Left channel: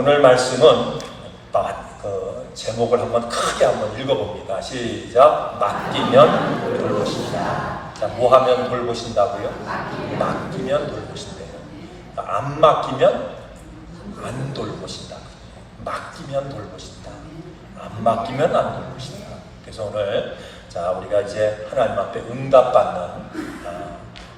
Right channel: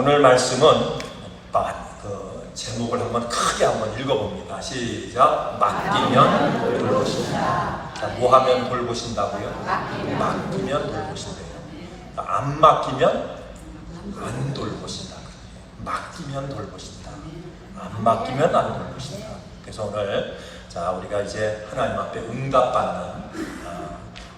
오늘 말씀은 제목을 크게 한번 읽어봅니다. 시작. 맡기면 돌보신다. 자, 뭐 하면 돌보신다고요? 맡기면 돌보신다. 안 맡기면 안 돌보신다. 맡기면 돌보신다. 안 맡기면 안 돌보신다. 그래서 오늘 우리가 이제 하나님 앞에 응답받는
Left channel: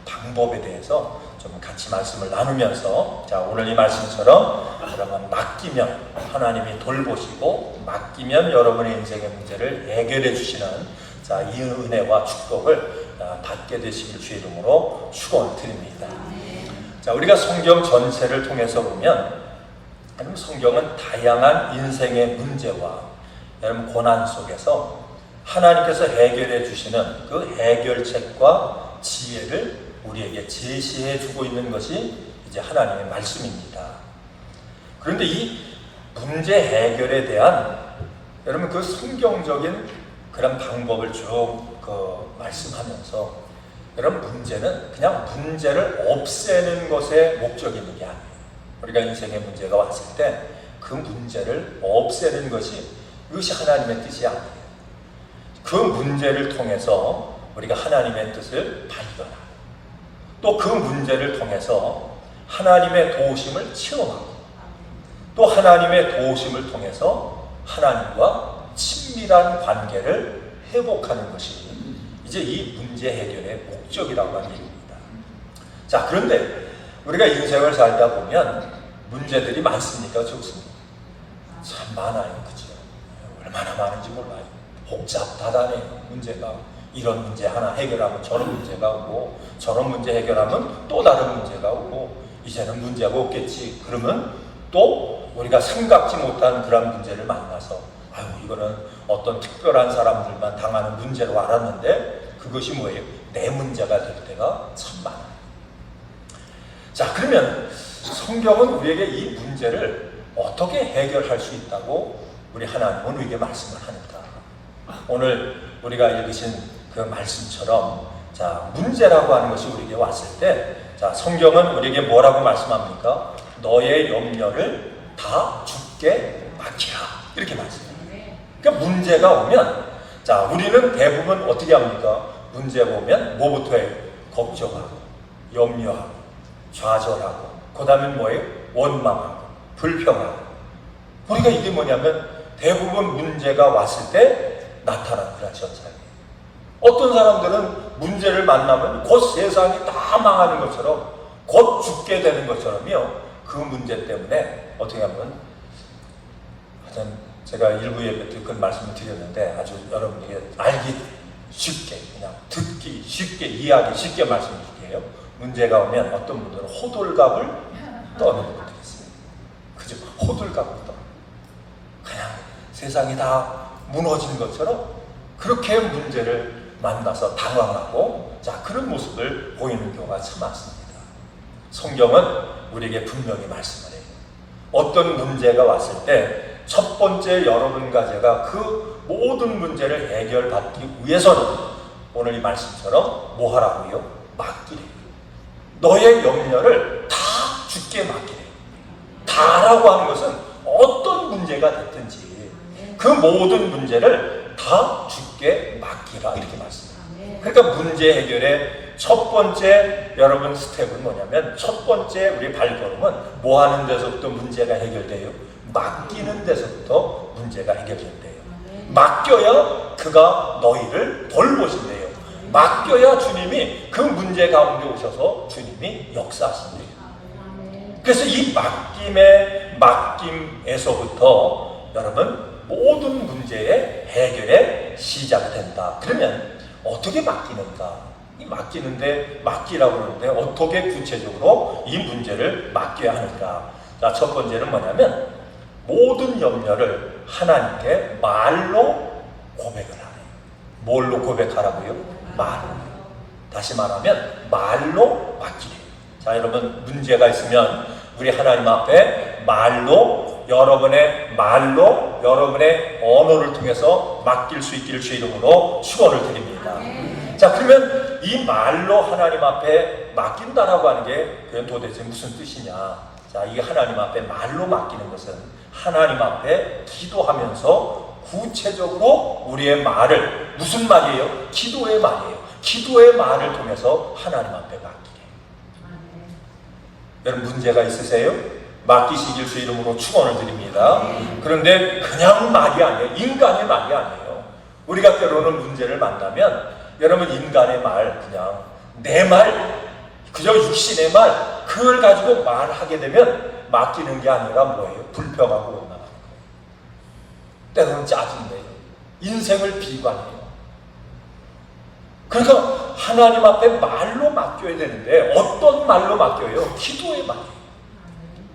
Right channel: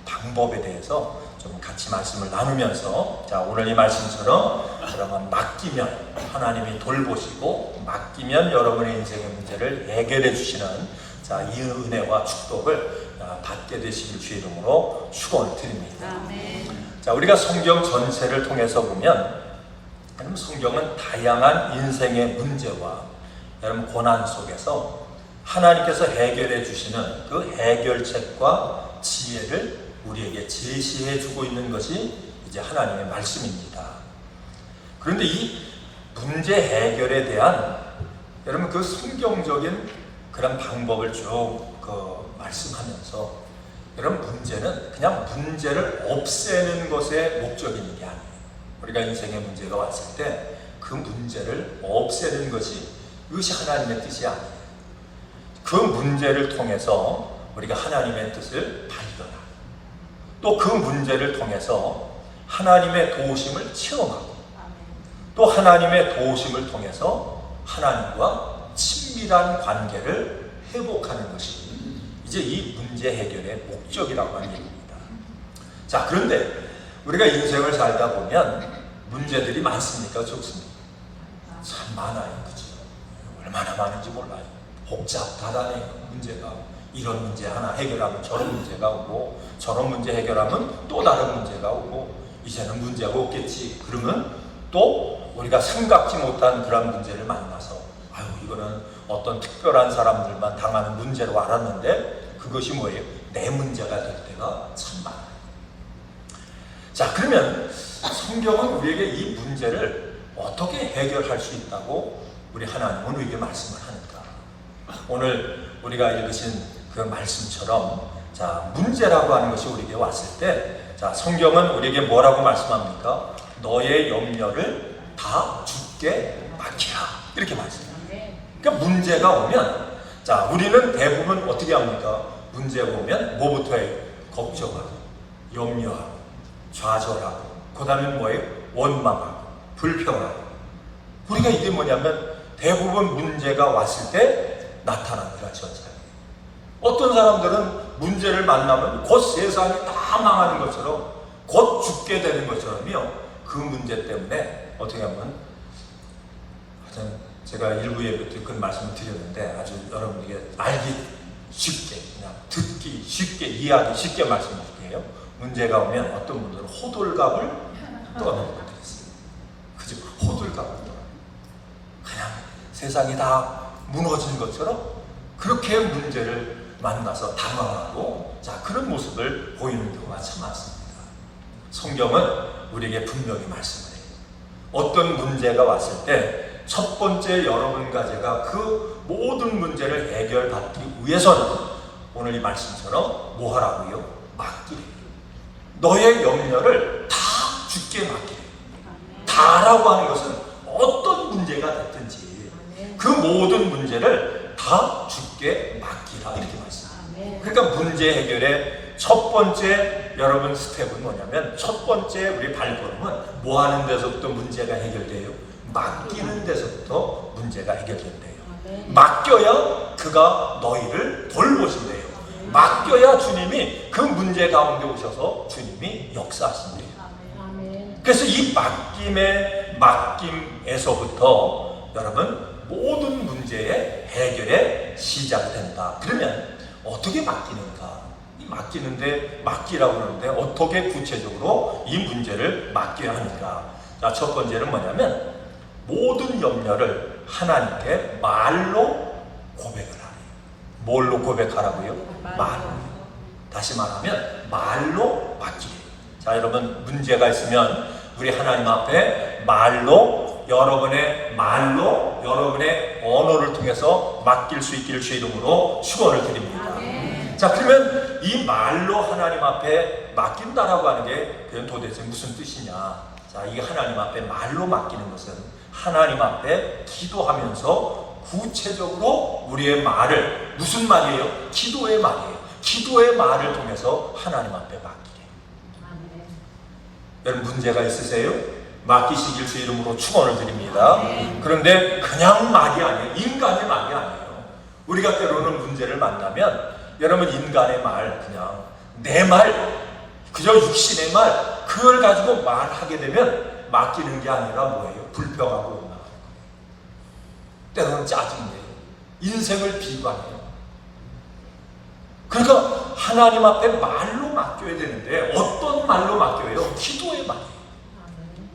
방법에 대해서 좀 같이 말씀을 나누면서 오늘 이 말씀처럼 여러분 맡기면 하나님이 돌보시고 맡기면 여러분의 인생의 문제를 해결해 주시는 이 은혜와 축복을 받게 되시길 주의 이름으로 축원드립니다. 우리가 성경 전체를 통해서 보면 성경은 다양한 인생의 문제와 여러분 고난 속에서 하나님께서 해결해 주시는 그 해결책과 지혜를 우리에게 제시해 주고 있는 것이 이제 하나님의 말씀입니다. 그런데 이 문제 해결에 대한 여러분 그 성경적인 그런 방법을 쭉 말씀하면서 여러분 문제는 그냥 문제를 없애는 것에 목적이 있는 게 아니에요. 우리가 인생의 문제가 왔을 때 그 문제를 없애는 것이 이것이 하나님의 뜻이 아니에요. 그 문제를 통해서 우리가 하나님의 뜻을 발견하고 또 그 문제를 통해서 하나님의 도우심을 체험하고 또 하나님의 도우심을 통해서 하나님과 친밀한 관계를 회복하는 것이 이제 이 문제 해결의 목적이라고 하는 얘기입니다. 그런데 우리가 인생을 살다 보면 문제들이 많습니까? 좋습니다. 참 많아요. 그죠? 얼마나 많은지 몰라요. 복잡하다는 문제가 이런 문제 하나 해결하면 저런 문제가 오고 저런 문제 해결하면 또 다른 문제가 오고 이제는 문제가 없겠지. 그러면 또 우리가 생각지 못한 그런 문제를 만나서 이거는 어떤 특별한 사람들만 당하는 문제로 알았는데 그것이 뭐예요? 내 문제가 될 때가 참 많아요. 그러면 성경은 우리에게 이 문제를 어떻게 해결할 수 있다고 우리 하나님은 우리에게 말씀을 합니다. 오늘 우리가 읽으신 그 말씀처럼 문제라고 하는 것이 우리에게 왔을 때 성경은 우리에게 뭐라고 말씀합니까? 너의 염려를 다 주께 맡기라 이렇게 말씀해요. 그러니까 문제가 오면 우리는 대부분 어떻게 합니까? 문제가 오면 뭐부터 해요? 걱정하고 염려하고 좌절하고 그 다음에 뭐예요? 원망하고 불평하고 우리가 이게 뭐냐면 대부분 문제가 왔을 때 나타나는 그런 현상이에요. 어떤 사람들은 문제를 만나면 곧 세상이 다 망하는 것처럼 곧 죽게 되는 것처럼요. 그 문제 때문에 어떻게 하면 하여튼 제가 일부 예배 때 그런 말씀을 드렸는데 아주 여러분에게 알기 쉽게 그냥 듣기 쉽게 이해하기 쉽게 말씀드릴게요. 문제가 오면 어떤 분들은 호들갑을 떠는 분들이 있어요. 그죠? 호들갑을 떠. 그냥 세상이 다 무너진 것처럼 그렇게 문제를 만나서 당황하고 그런 모습을 보이는 경우가 참 많습니다. 성경은 우리에게 분명히 말씀을 해요. 어떤 문제가 왔을 때 첫 번째 여러분과 제가 그 모든 문제를 해결받기 위해서는 오늘 이 말씀처럼 뭐 하라고요? 맡기래. 너의 염려를 다 주께 맡기래. 다라고 하는 것은 어떤 문제가 됐든지 그 모든 문제를 다 주께 맡기라 이렇게 말씀합니다. 그러니까 문제 해결의 첫 번째 여러분 스텝은 뭐냐면 첫 번째 우리 발걸음은 뭐 하는 데서부터 문제가 해결돼요? 맡기는 데서부터 문제가 해결된대요. 맡겨야 그가 너희를 돌보신대요. 맡겨야 주님이 그 문제 가운데 오셔서 주님이 역사하신대요. 그래서 이 맡김에서부터 여러분 모든 문제의 해결의 시작이 된다. 그러면 어떻게 맡기는가? 이 맡기는데 맡기라고 하는데 어떻게 구체적으로 이 문제를 맡겨야 하는가? 첫 번째는 뭐냐면 모든 염려를 하나님께 말로 고백을 하네요. 뭘로 고백하라고요? 말로. 다시 말하면 말로 맡기래요. 여러분 문제가 있으면 우리 하나님 앞에 말로 여러분의 언어를 통해서 맡길 수 있기를 주 이름으로 축원을 드립니다. 그러면 이 말로 하나님 앞에 맡긴다라고 하는 게 그건 도대체 무슨 뜻이냐? 자, 이게 하나님 앞에 말로 맡기는 것은 하나님 앞에 기도하면서 구체적으로 우리의 말을, 무슨 말이에요? 기도의 말이에요. 기도의 말을 통해서 하나님 앞에 맡기게. 여러분 문제가 있으세요? 맡기시길 주 이름으로 축원을 드립니다. 그런데 그냥 말이 아니에요. 인간의 말이 아니에요. 우리가 때로는 문제를 만나면 여러분 인간의 말, 그냥 내 말, 그저 육신의 말, 그걸 가지고 말하게 되면 맡기는 게 아니라 뭐예요? 불평하고 원망하고, 때로는 짜증내요. 인생을 비관해요. 그래서 하나님 앞에 말로 맡겨야 되는데 어떤 말로 맡겨요? 기도의 말.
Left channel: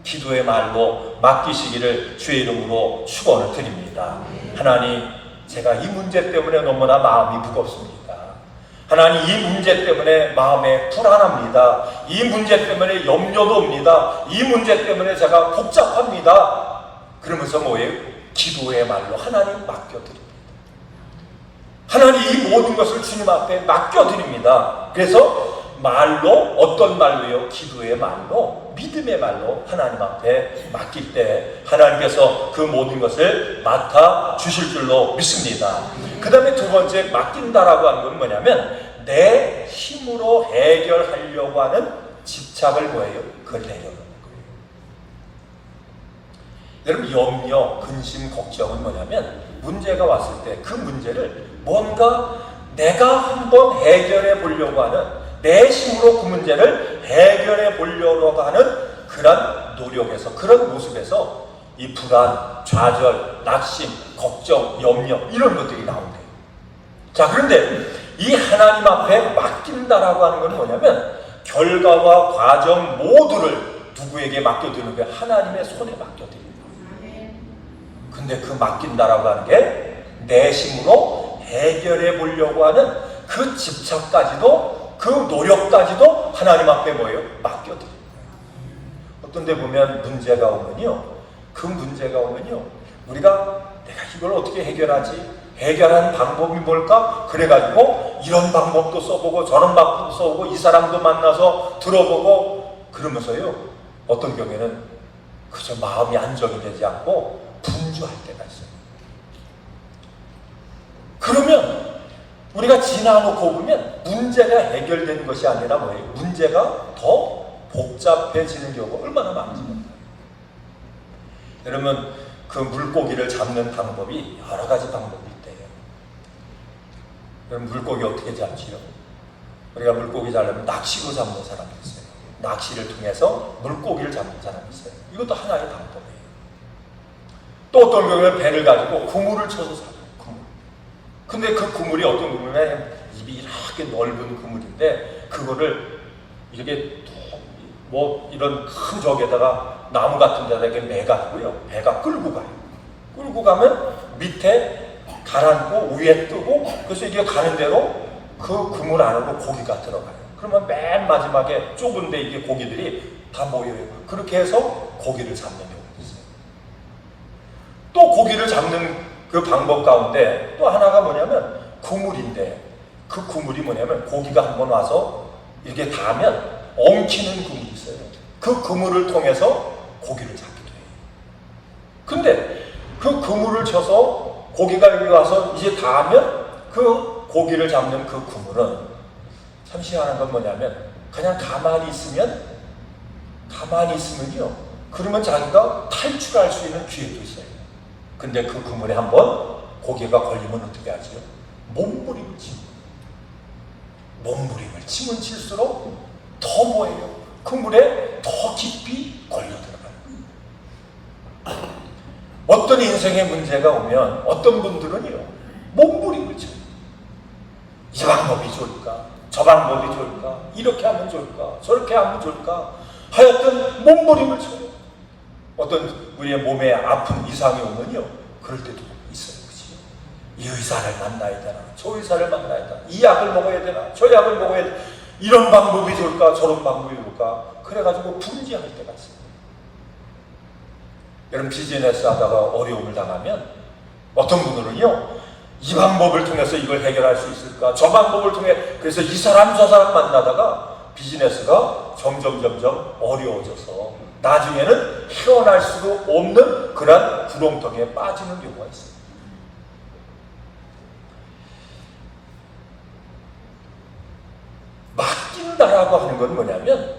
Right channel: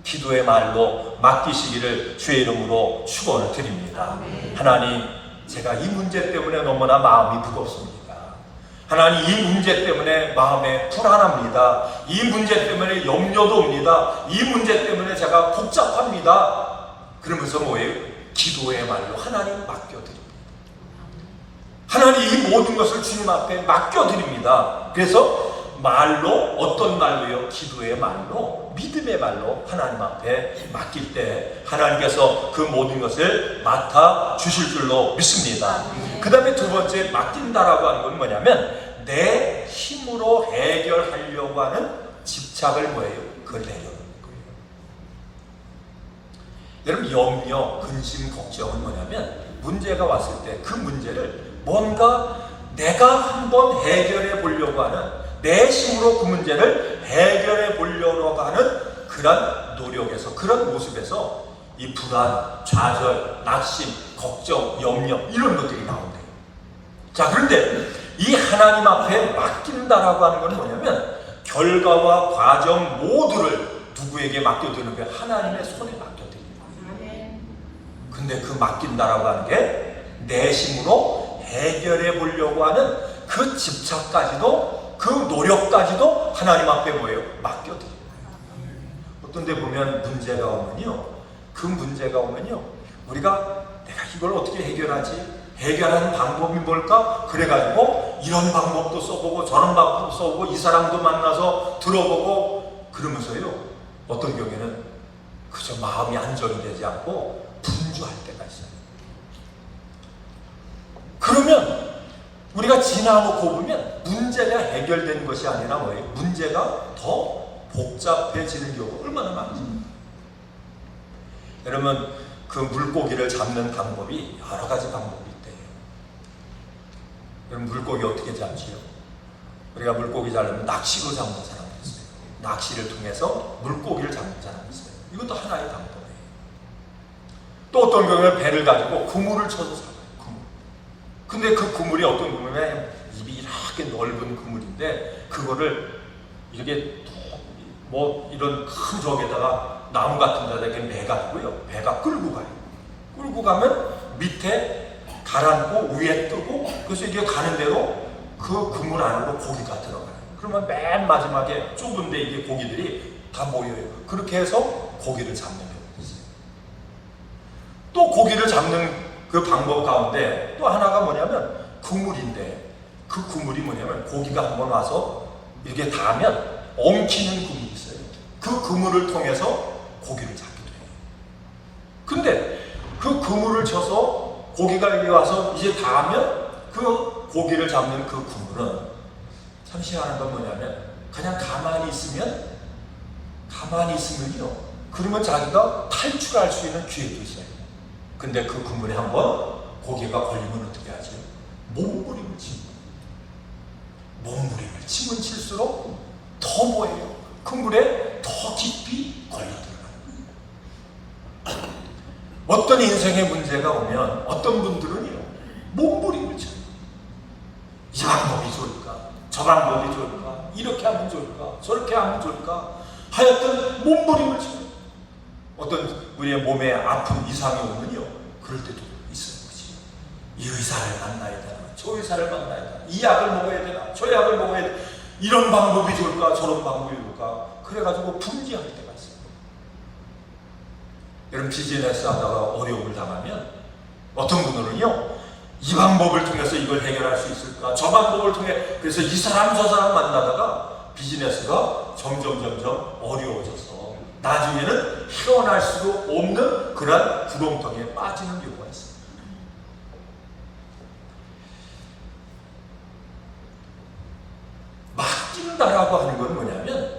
기도의 말로 맡기시기를 주의 이름으로 축원을 드립니다. 하나님, 제가 이 문제 때문에 너무나 마음이 무겁습니다. 하나님, 이 문제 때문에 마음에 불안합니다. 이 문제 때문에 염려도 옵니다. 이 문제 때문에 제가 복잡합니다. 그러면서 뭐예요? 기도의 말로 하나님 맡겨드립니다. 하나님, 이 모든 것을 주님 앞에 맡겨드립니다. 그래서 말로, 어떤 말로요? 기도의 말로, 믿음의 말로 하나님 앞에 맡길 때 하나님께서 그 모든 것을 맡아 주실 줄로 믿습니다. 그 다음에 두 번째, 맡긴다라고 하는 건 뭐냐면 내 힘으로 해결하려고 하는 집착을 뭐예요? 그걸 해결하는 거예요. 여러분, 염려, 근심, 걱정은 뭐냐면 문제가 왔을 때 그 문제를 뭔가 내가 한번 해결해 보려고 하는, 내 힘으로 그 문제를 해결해 보려고 하는 그런 노력에서, 그런 모습에서 이 불안, 좌절, 낙심, 걱정, 염려 이런 것들이 나온대요. 자, 그런데 이 하나님 앞에 맡긴다라고 하는 건 뭐냐면 결과와 과정 모두를 누구에게 맡겨드리는 거예요? 하나님의 손에 맡겨드리는 거예요. 근데 그 맡긴다라고 하는 게 내 힘으로 해결해 보려고 하는 그 집착까지도, 그 노력까지도 하나님 앞에 뭐예요? 맡겨드립니다. 어떤 데 보면 문제가 오면요, 그 문제가 오면요, 우리가 내가 이걸 어떻게 해결하지? 해결하는 방법이 뭘까? 그래가지고 이런 방법도 써보고 저런 방법도 써보고 이 사람도 만나서 들어보고 그러면서요, 어떤 경우에는 그저 마음이 안정이 되지 않고 분주할 때가 있어요. 그러면 우리가 지나놓고 보면 문제가 해결되는 것이 아니라 뭐예요? 문제가 더 복잡해지는 경우가 얼마나 많습니까? 여러분, 그 물고기를 잡는 방법이 여러 가지 방법이 있대요. 여러분, 물고기 어떻게 잡지요? 우리가 물고기 잡으려면 낚시로 잡는 사람이 있어요. 낚시를 통해서 물고기를 잡는 사람이 있어요. 이것도 하나의 방법이에요. 또 어떤 경우는 배를 가지고 그물을 쳐서 잡아요. 근데 그 그물이 어떤 그물에 입이 이렇게 넓은 그물인데 그거를 이렇게 뭐 이런 큰 저기에다가 나무 같은 데다가 매가지고요, 배가 끌고 가요. 끌고 가면 밑에 가라앉고 위에 뜨고, 그래서 이게 가는 대로 그 그물 안으로 고기가 들어가요. 그러면 맨 마지막에 좁은데 이게 고기들이 다 모여요. 그렇게 해서 고기를 잡는 경우가 있어요. 또 고기를 잡는 그 방법 가운데 또 하나가 뭐냐면 그물인데, 그 그물이 뭐냐면 고기가 한번 와서 이렇게 닿으면 엉키는 그물이 있어요. 그 그물을 통해서 고기를 잡기도 해요. 근데 그 그물을 쳐서 고기가 여기 와서 이제 닿으면 그 고기를 잡는 그 그물은 참 희한한 건 뭐냐면 그냥 가만히 있으면요, 그러면 자기가 탈출할 수 있는 기회도 있어요. 근데 그 그물에 한번 고기가 걸리면 어떻게 하지? 몸부림을 치는 거예요. 몸부림을 치면 칠수록 더 뭐예요? 그물에 더 깊이 걸려 들어가요. 어떤 인생의 문제가 오면 어떤 분들은요, 몸부림을 쳐요. 이 방법이 좋을까? 저 방법이 좋을까? 이렇게 하면 좋을까? 저렇게 하면 좋을까? 하여튼 몸부림을 쳐요. 어떤 우리의 몸에 아픈 이상이 오면요, 그럴 때도 있어요. 그치? 이 의사를 만나야 되나? 저 의사를 만나야 되나? 이 약을 먹어야 되나? 저 약을 먹어야 되나? 이런 방법이 좋을까? 저런 방법이 좋을까? 그래가지고 분지할 때가 있어요. 여러분, 비즈니스 하다가 어려움을 당하면 어떤 분들은요, 이 방법을 통해서 이걸 해결할 수 있을까? 저 방법을 통해, 그래서 이 사람 저 사람 만나다가 비즈니스가 점점 어려워져서 나중에는 헤어날 수도 없는 그런 구렁텅이에 빠지는 경우가 있어요. 맡긴다라고 하는 건 뭐냐면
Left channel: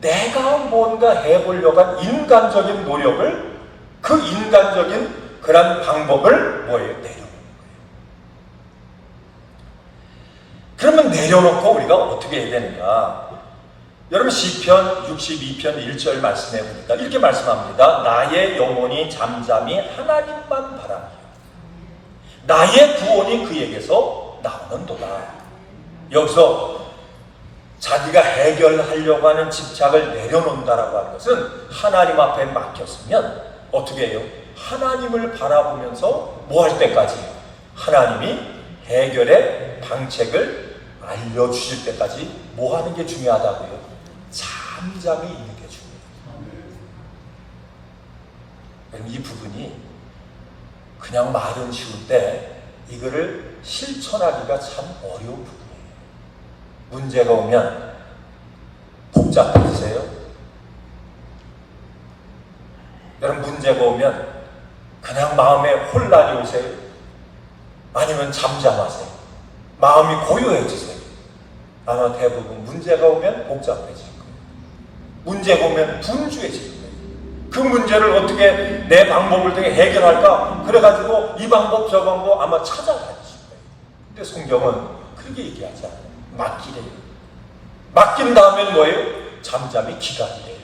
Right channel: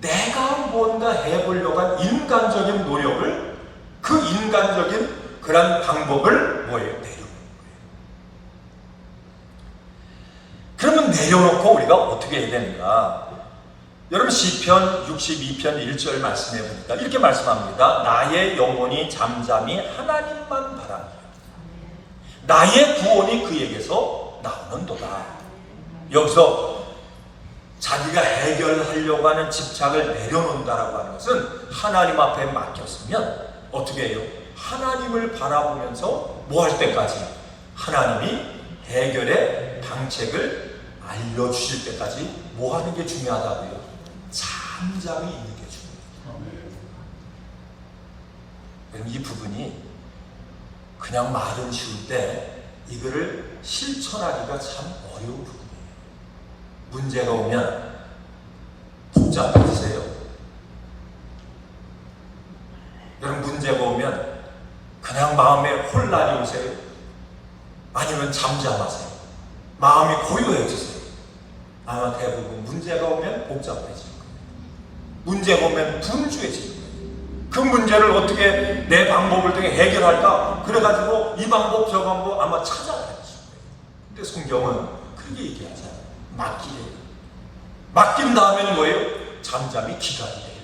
내가 뭔가 해보려고 한 인간적인 노력을 그 인간적인 그런 방법을 뭐예요? 내려놓는 거예요. 그러면 내려놓고 우리가 어떻게 해야 되는가? 여러분 시편 62편 1절 말씀해 보니까 이렇게 말씀합니다. 나의 영혼이 잠잠히 하나님만 바라니 나의 구원이 그에게서 나오는도다. 여기서 자기가 해결하려고 하는 집착을 내려놓는다라고 하는 것은 하나님 앞에 맡겼으면 어떻게 해요? 하나님을 바라보면서 뭐 할 때까지? 하나님이 해결의 방책을 알려주실 때까지 뭐 하는 게 중요하다고요? 잠잠히 있는 게 중요해요. 이 부분이 그냥 말은 쉬울 때 이거를 실천하기가 참 어려운 부분이에요. 문제가 오면 복잡해지세요. 여러분 문제가 오면 그냥 마음에 혼란이 오세요. 아니면 잠잠하세요. 마음이 고요해지세요. 아마 대부분 문제가 오면 복잡해지고 문제가 오면 분주해지고 그 문제를 어떻게 내 방법을 통해 해결할까? 그래가지고 이 방법 저 방법 아마 찾아가야지 거예요. 근데 성경은 그렇게 얘기하지 않아요. 맡기래요. 맡긴 다음에는 뭐예요? 잠잠히 기다리래요.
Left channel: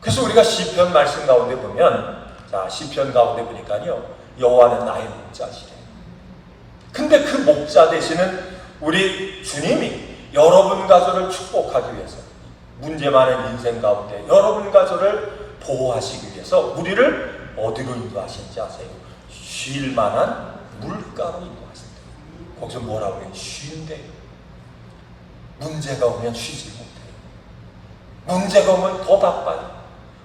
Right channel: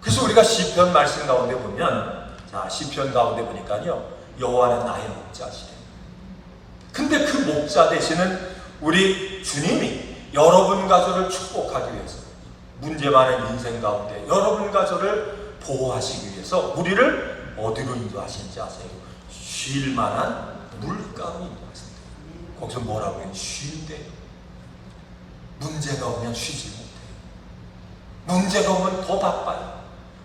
그래서 우리가 시편 말씀 가운데 보면 자 시편 가운데 보니까요 여호와는 나의 목자시래요. 근데 그 목자 되시는 우리 주님이 여러분과 저를 축복하기 위해서 문제 많은 인생 가운데 여러분과 저를 보호하시기 위해서 우리를 어디로 인도하시는지 아세요? 쉴 만한 물가로 인도하십니다. 거기서 뭐라고 해요? 쉰대. 문제가 오면 쉬지 못해요. 문제가 오면 더 바빠요.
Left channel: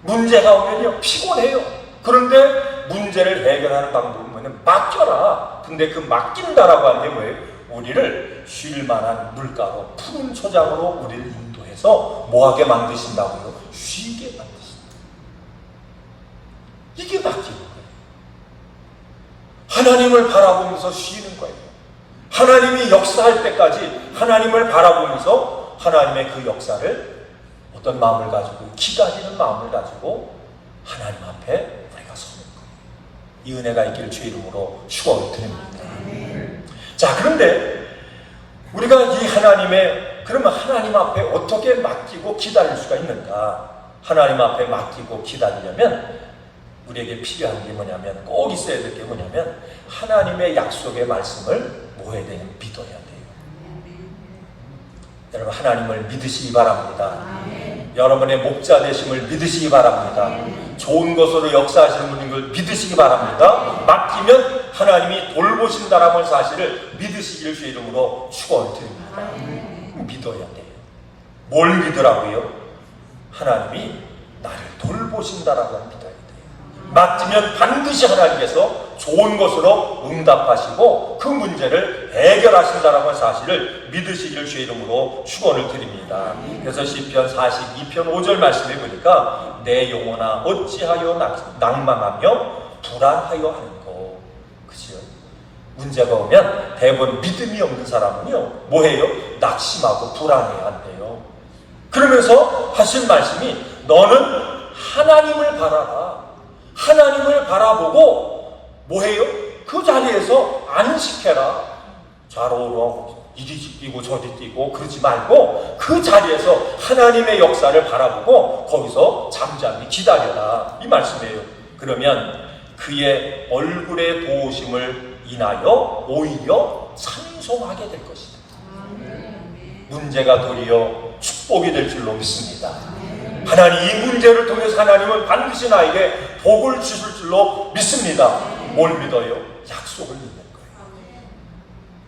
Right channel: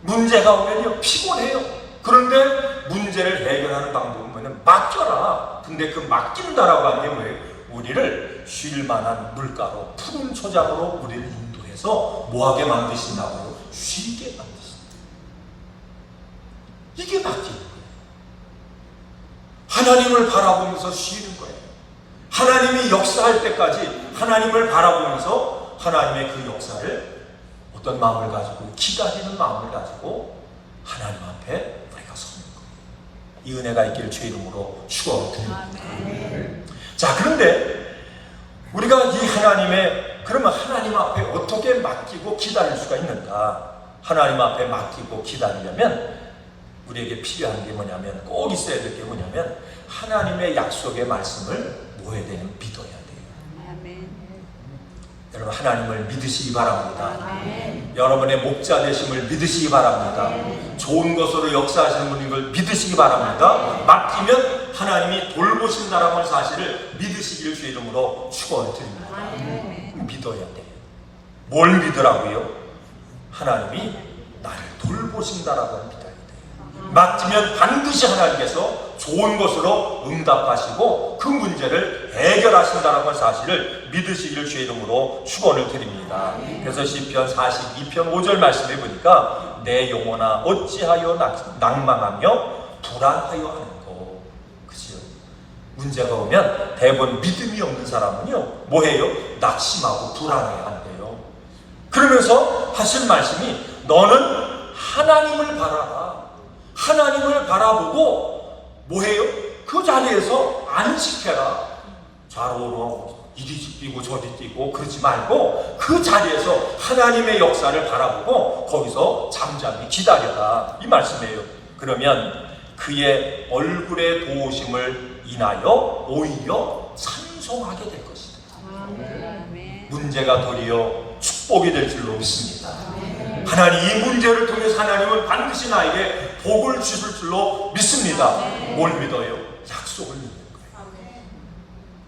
문제가 오면요 피곤해요. 그런데 문제를 해결하는 방법은 맡겨라. 근데 그 맡긴다라고 하는 게 뭐예요? 우리를 쉴 만한 물가로 푸른 초장으로 우리를 인도해서 뭐하게 만드신다고요? 쉬게 만드신다. 이게 맡기는 거예요. 하나님을 바라보면서 쉬는 거예요. 하나님이 역사할 때까지 하나님을 바라보면서 하나님의 그 역사를 어떤 마음을 가지고 기다리는 마음을 가지고 하나님 앞에 우리가 서는 거예요. 이 은혜가 있기를 주의 이름으로 축원드립니다. 자 그런데 우리가 이 하나님의 그러면 하나님 앞에 어떻게 맡기고 기다릴 수가 있는가? 하나님 앞에 맡기고 기다리려면 우리에게 필요한 게 뭐냐면 꼭 있어야 될 게 뭐냐면 하나님의 약속의 말씀을 뭐 해야 되냐면 믿어야 돼요. 여러분 하나님을 믿으시기 바랍니다. 여러분의 목자 되심을 믿으시기 바랍니다. 좋은 것으로 역사하시는 분을 믿으시기 바랍니다. 맡기면 하나님이 돌보신다라는 사실을 믿으시기를 주의 이름으로 축원드립니다. 믿어야 돼요. 뭘 믿으라고요? 하나님이 나를 돌보신다라고 믿어야 돼요. 맡기면 반드시 하나님께서 좋은 것으로 응답하시고 그 문제를 해결하신다는 사실을 믿으시기를 주의 이름으로 축원을 드립니다. 그래서 시편 42편 5절 말씀에 보니까 내 영혼아 어찌하여 낭망하며 불안하여 하는고. 그치요? 문제가 오면 대부분 믿음이 없는 사람은요 뭐해요? 낙심하고 불안해야 한대요. 그러면서 하신 말씀이 너는 하나님을 바라봐. 하나님을 바라보고 뭐해요? 그 자리에서 안식해라. 좌로우로 이리 뛰고 저리 뛰고 그러지 말고 그 자리에서 하나님의 역사를 바라보고 거기서 잠잠히 기다려라. 이 말씀이에요. 그러면 그의 얼굴의 보호심을 인하여 오히려 찬송하게 될 것입니다. 문제가 도리어 축복이 될 줄로 믿습니다. 하나님 이 문제를 통해서 하나님은 반드시 나에게 복을 주실 줄로 믿습니다. 뭘 믿어요? 약속을 믿는 거예요.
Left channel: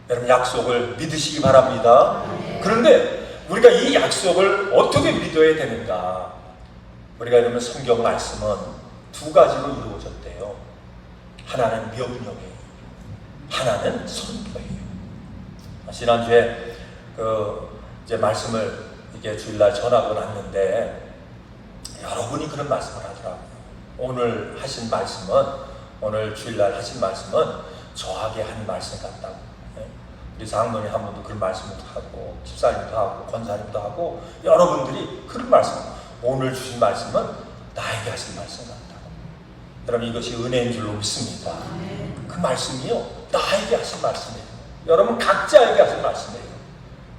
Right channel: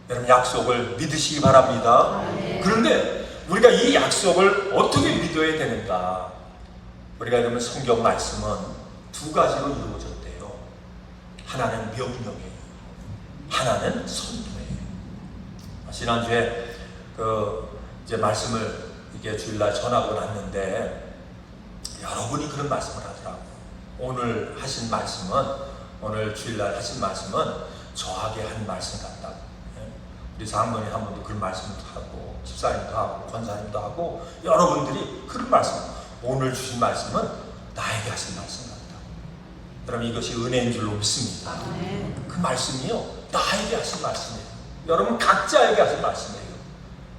여러분 약속을 믿으시기 바랍니다. 그런데 우리가 이 약속을 어떻게 믿어야 되는가? 우리가 이러면 성경 말씀은 두 가지로 이루어졌대요. 하나는 명령이에요. 하나는 선포예요. 지난주에 이제 말씀을 이게 주일날 전하고 났는데 여러분이 그런 말씀을 하더라고요. 오늘 하신 말씀은, 오늘 주일날 하신 말씀은 저하게 한 말씀 같다고. 우리 장로님 한 분도 그런 말씀도 하고, 집사님도 하고, 권사님도 하고, 여러분들이 그런 말씀, 오늘 주신 말씀은 나에게 하신 말씀 같다. 여러분, 이것이 은혜인 줄로 믿습니다. 그 말씀이요, 나에게 하신 말씀이에요. 여러분 각자에게 하신 말씀이에요.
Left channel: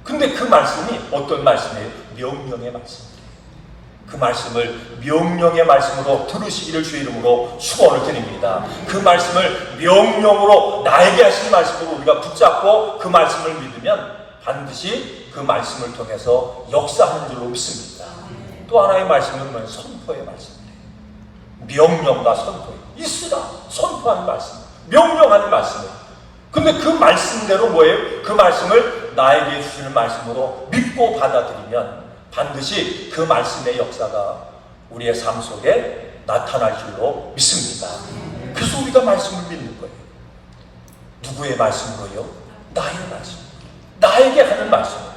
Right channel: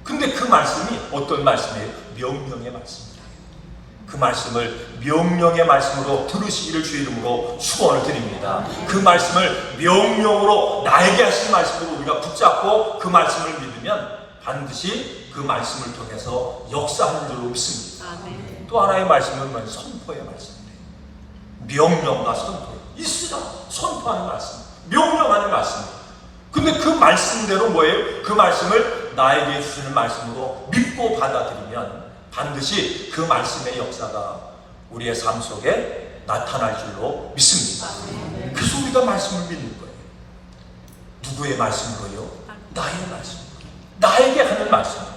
근데 그 말씀이 어떤 말씀이에요? 명령의 말씀입니다. 그 말씀을 명령의 말씀으로 들으시기를 주의 이름으로 축원을 드립니다. 그 말씀을 명령으로 나에게 하신 말씀으로 우리가 붙잡고 그 말씀을 믿으면 반드시 그 말씀을 통해서 역사하는 줄로 믿습니다. 또 하나의 말씀은 선포의 말씀이에요. 명령과 선포, 이수다 선포하는 말씀, 명령하는 말씀이에요. 근데 그 말씀대로 뭐예요? 그 말씀을 나에게 주시는 말씀으로 믿고 받아들이면 반드시 그 말씀의 역사가 우리의 삶 속에 나타날 줄로 믿습니다. 그래서 우리가 말씀을 믿는 거예요. 누구의 말씀이에요? 나의 말씀. 나에게 하는 말씀이에요.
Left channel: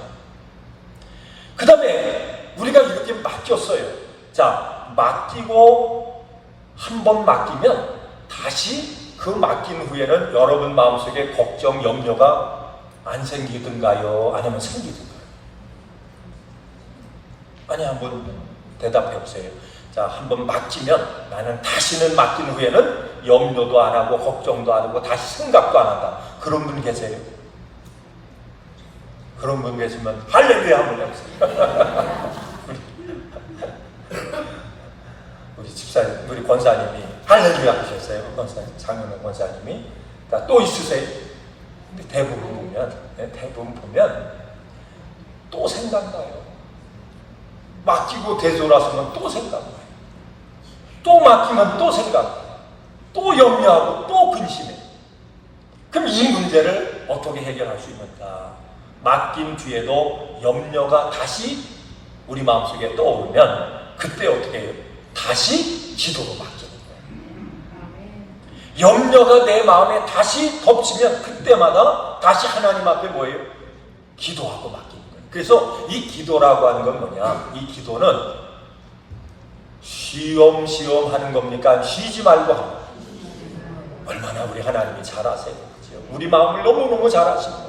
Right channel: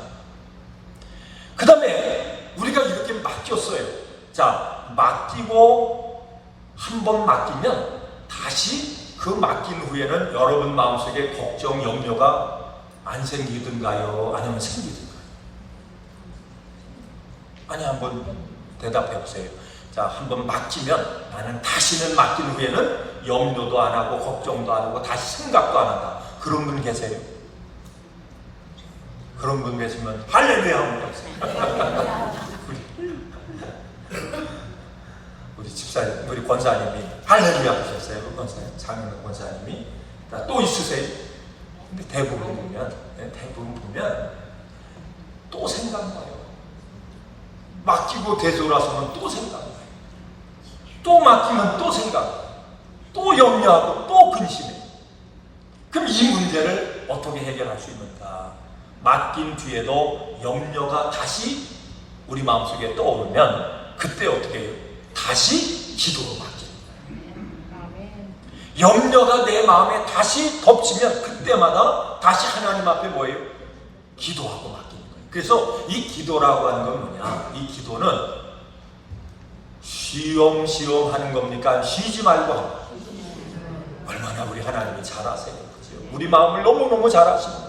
그 다음에 우리가 이렇게 맡겼어요. 자, 맡기고 한 번 맡기면 다시 그 맡긴 후에는 여러분 마음속에 걱정, 염려가 안 생기든가요? 아니면 생기든가요? 아니, 한번 대답해 보세요. 자, 한번 맡기면 나는 다시는 맡긴 후에는 염려도 안 하고 걱정도 안 하고 다시 생각도 안 한다. 그런 분 계세요? 그런 분 계시면 할렐루야 한번 해주세요. 우리 집사님, 우리 권사님이 할렐루야 하셨어요. 권사님, 장로님 권사님이. 그러니까 또 있으세요. 근데 대부분 보면 또 생각나요. 맡기고 되돌아서면 또 생각나요. 또 맡기면 또 생각나요. 또 염려하고 또 근심해요. 그럼 이 문제를 어떻게 해결할 수 있는가? 맡긴 뒤에도 염려가 다시 우리 마음속에 떠오르면 그때 어떻게 해요? 다시 기도로 맡기는 거예요. 염려가 내 마음에 다시 덮치면 그때마다 다시 하나님 앞에 뭐예요? 기도하고 맡기는 거예요. 그래서 이 기도라고 하는 건 뭐냐? 이 기도는 쉬엄쉬엄 하는 겁니까? 쉬지 말고 하는 거예요. 얼마나 우리 하나님이 잘 아세요. 우리 마음을 너무너무 잘 아시는 거예요.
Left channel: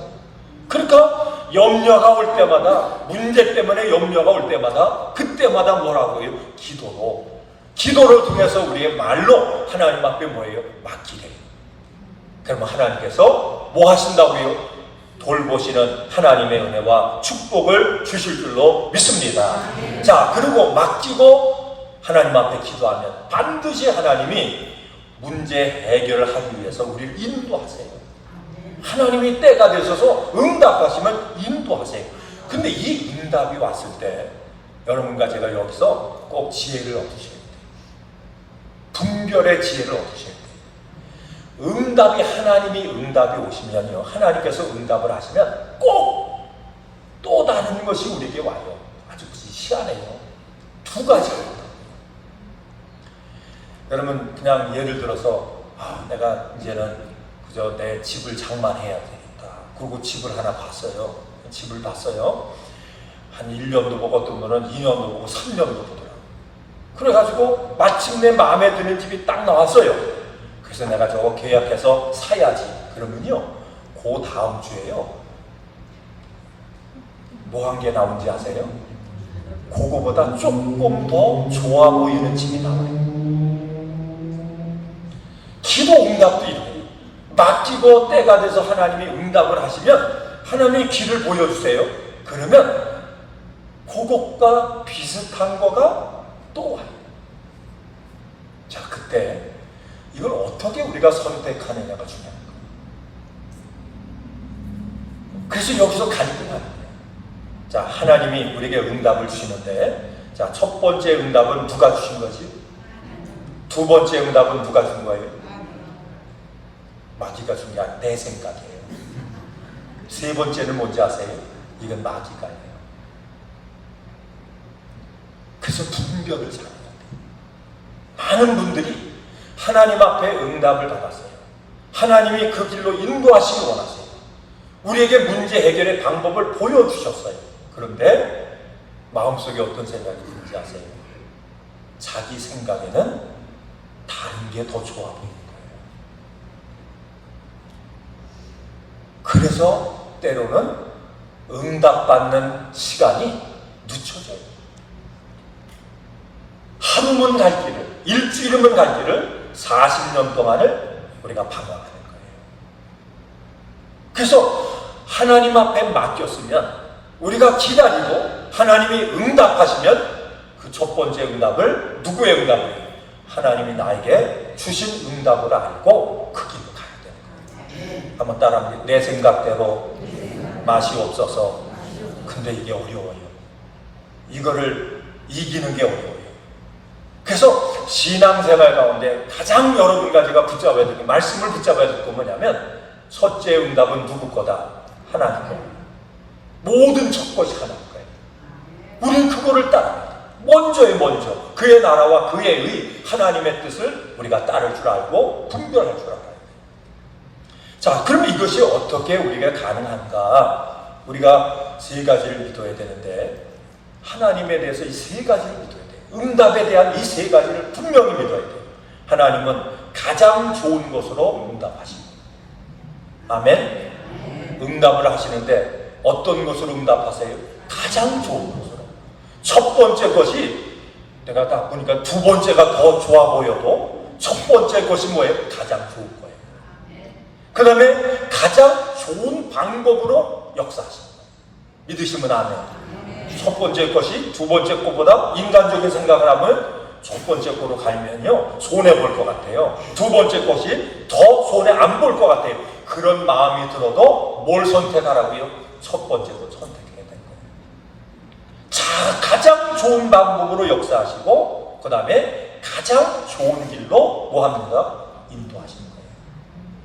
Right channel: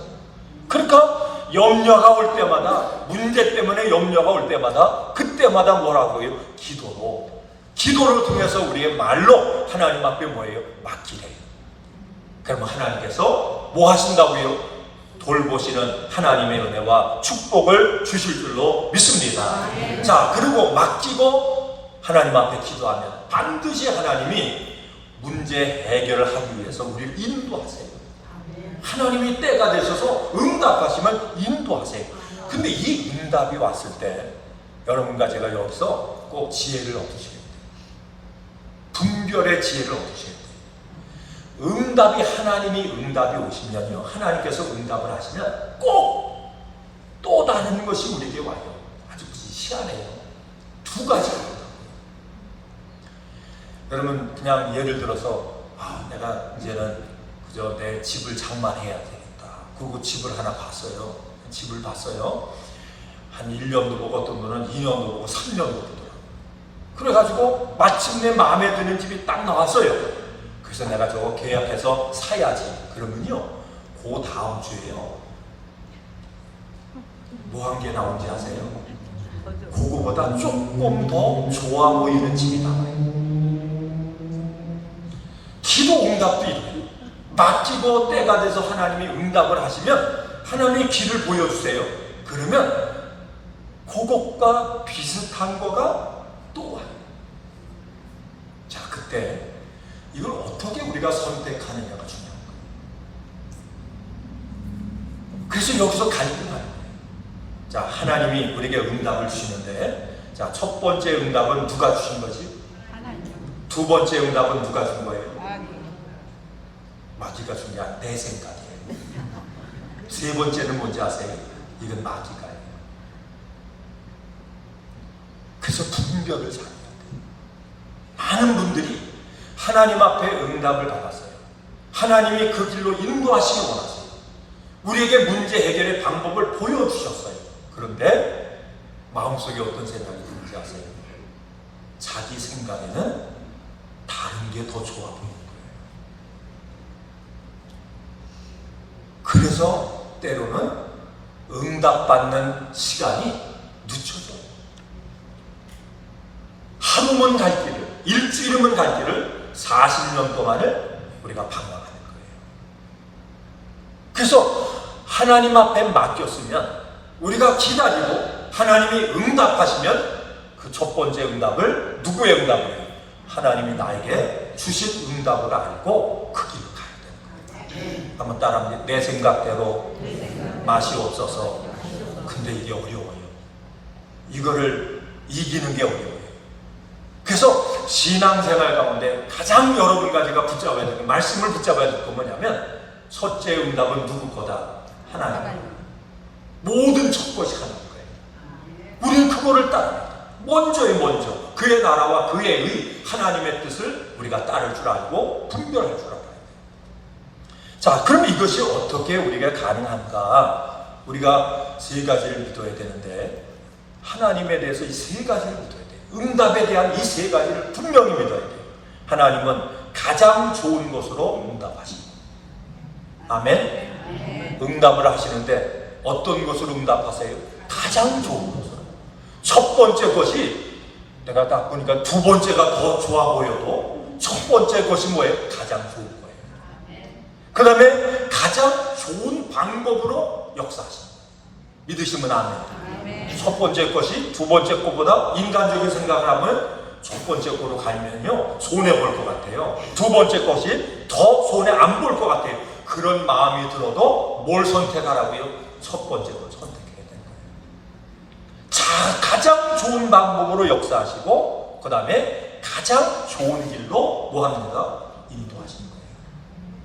그러니까 염려가 올 때마다, 문제 때문에 염려가 올 때마다, 그때마다 뭐라고요? 기도를 통해서 우리의 말로 하나님 앞에 뭐예요? 맡기래요. 그러면 하나님께서 뭐 하신다고요? 돌보시는 하나님의 은혜와 축복을 주실 줄로 믿습니다. 자, 그리고 맡기고 하나님 앞에 기도하면 반드시 하나님이 문제 해결을 하기 위해서 우리를 인도하세요. 하나님이 때가 되셔서 응답하시면 인도하세요. 근데 이 응답이 왔을 때 여러분과 제가 여기서 꼭 지혜를 얻으셔야 돼요. 분별의 지혜를 얻으셔야 돼요. 응답이, 하나님이 응답이 오시면요, 하나님께서 응답을 하시면 꼭 또 다른 것이 우리에게 와요. 아주 희한해요. 두 가지가 있어요. 여러분, 그냥 예를 들어서 내가 이제는 그저 내 집을 장만해야 되겠다. 그리고 집을 하나 봤어요. 집을 봤어요. 한 1년도 못 어떤 거는 2년도 보고 3년도 보고. 그래가지고 마침내 마음에 드는 집이 딱 나왔어요. 그래서 내가 저거 계약해서 사야지. 그러면요, 그 다음 주에요, 뭐 한 게 나온지 아세요? 그거보다 조금 더 좋아 보이는 집이 나와요. 기도 응답도 이래요. 맡기고 때가 돼서 하나님이 응답을 하시면 하나님이 길을 보여주세요. 그러면 그것과 비슷한 거가 또 와요. 자, 그때 이걸 어떻게 우리가 선택하느냐가 중요합니다. 그래서 여기서 갈등하는 거예요. 자, 하나님이 우리에게 응답을 주시는데, 자, 첫 번째 응답은 누가 주신 거지? 두 번째 응답은 누가 준 거예요? 마귀가 준 게 아니라 내 생각이에요. 세 번째는 뭔지 아세요? 이건 마귀가예요. 그래서 분별을 잘해요. 많은 분들이 하나님 앞에 응답을 받았어요. 하나님이 그 길로 인도하시기 원하세요. 우리에게 문제 해결의 방법을 보여주셨어요. 그런데 마음속에 어떤 생각이 드는지 아세요? 자기 생각에는 다른 게 더 좋아 보이는 거예요. 그래서 때로는 응답받는 시간이 늦춰져요. 하루면 갈 길을, 일주일이면 갈 길을 40년 동안을 우리가 방황하는 거예요. 그래서 하나님 앞에 맡겼으면 우리가 기다리고 하나님이 응답하시면 그 첫 번째 응답을, 누구의 응답이에요? 하나님이 나에게 주신 응답을 알고 그 길로 가야 돼요. 한번 따라합니다. 내 생각대로 맛이 없어서. 근데 이게 어려워요. 이거를 이기는 게 어려워요. 그래서 신앙생활 가운데 가장 여러분과 제가 붙잡아야 되는, 말씀을 붙잡아야 될 건 뭐냐면, 첫째 응답은 누구 거다? 하나님 거예요. 모든 첫 것이 하나님 거예요. 우리는 그거를 따라 먼저 그의 나라와 그의 의, 하나님의 뜻을 우리가 따를 줄 알고 분별할 줄 알아요. 자, 그럼 이것이 어떻게 우리가 가능한가? 우리가 세 가지를 믿어야 되는데, 하나님에 대해서 이 세 가지를 믿어야 돼요. 응답에 대한 이 세 가지를 분명히 믿어야 돼요. 하나님은 가장 좋은 것으로 응답하십니다. 아멘. 응답을 하시는데 어떤 것으로 응답하세요? 가장 좋은 것으로. 첫 번째 것이, 내가 딱 보니까 두 번째가 더 좋아 보여도 첫 번째 것이 뭐예요? 가장 좋은 거예요. 그 다음에 가장 좋은 방법으로 역사하십니다. 믿으시면 아멘. 첫 번째 것이 두 번째 것보다 인간적인 생각을 하면 첫 번째 거로 가면요 손해볼 것 같아요. 두 번째 것이 더 손해 안 볼 것 같아요. 그런 마음이 들어도 뭘 선택하라고요? 첫 번째로 선택해야 돼요. 자, 가장 좋은 방법으로 역사하시고 그 다음에 가장 좋은 길로 뭐합니까? 인도하시는 거예요.